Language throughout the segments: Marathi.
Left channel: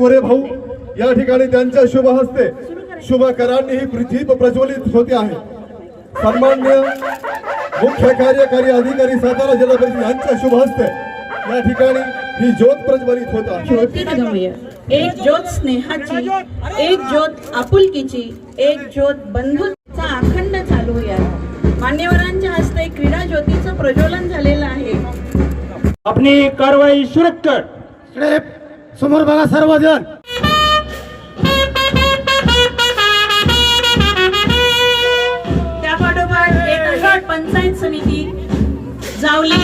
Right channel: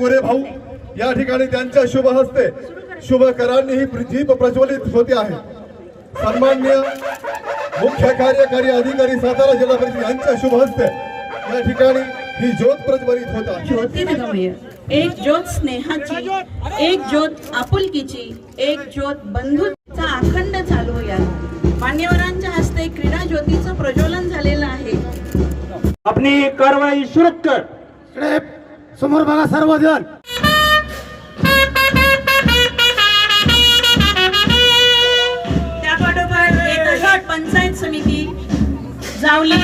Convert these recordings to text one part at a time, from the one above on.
गोरे भाऊ या ठिकाणी त्यांच्या शुभ हस्ते शुभ करांनी ही पृथ्वी प्रज्वलित होते आहे. सन्मान्य मुख्य कार्यकारी अधिकारी सातारा जिल्हा परिषद यांच्या शुभ हस्ते या ठिकाणी ही ज्योत प्रज्वलित होत आहे. ज्योतिर्गमय एक ज्योत स्नेहाची एक ज्योत आपुलकीची एक ज्योत बंधुचा अखंड चालू या मान्यवरांच्या हस्ते क्रीडा ज्योतीचं प्रज्वलन झालेलं आहे. आपली कारवाई सुरक्षित समोर बघा सर्वजण. पंचायत समिती जावली.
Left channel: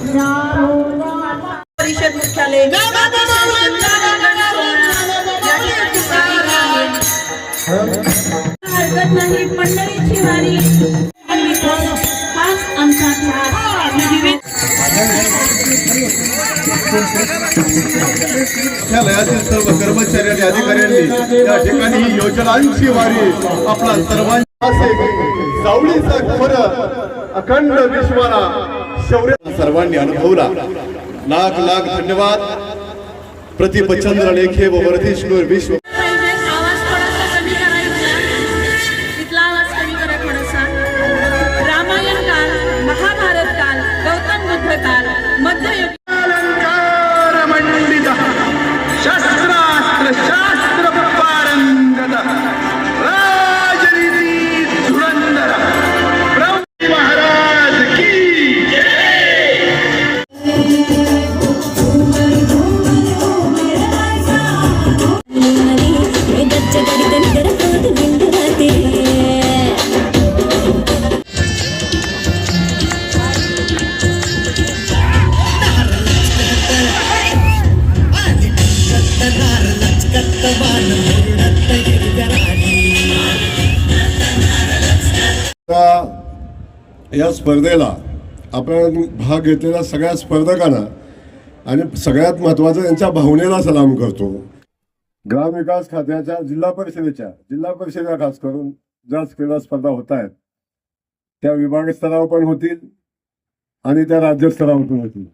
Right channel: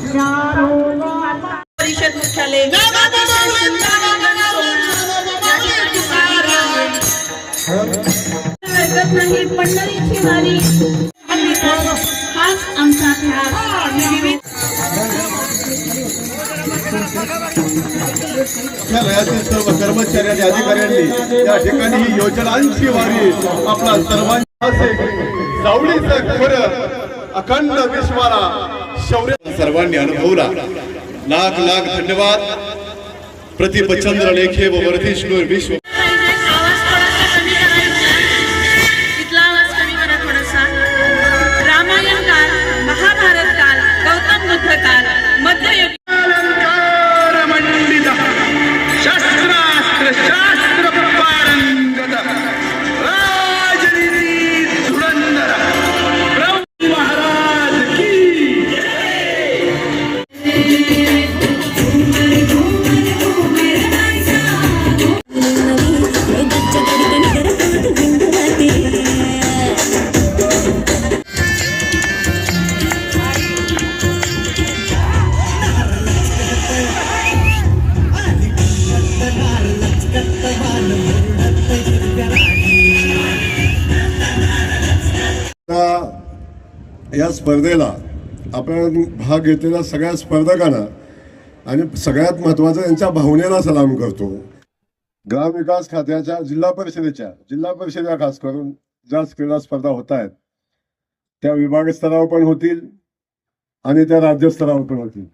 हे झाले हरकत नाही मंडळीची वारी हाच आमचा ध्यास निवेद सर्व कर्मचारी आणि अधिकाऱ्यांनी या ठिकाणी ही योजनांची वारी आपला सर्वांचा सावलीचा खर अखंड विश्वाला शौर्य सर्वांनी अनुभवला. लाख लाख धन्यवाद। प्रति प्रतिपचंद्र लेखे व वर्धिष्णू विश्व या स्पर्धेला आपण भाग घेतलेल्या सगळ्या स्पर्धकांना आणि सगळ्यात महत्वाचं त्यांच्या भावनेला सलाम करतो. ग्रामविकास खात्याच्या जिल्हा परिषदेच्या जिल्हा परिषदेला खास करून ज्या क्रीडा स्पर्धा होत आहेत त्या विभाग स्तरावर पण होतील आणि त्या राज्यस्तरावर पण होतील.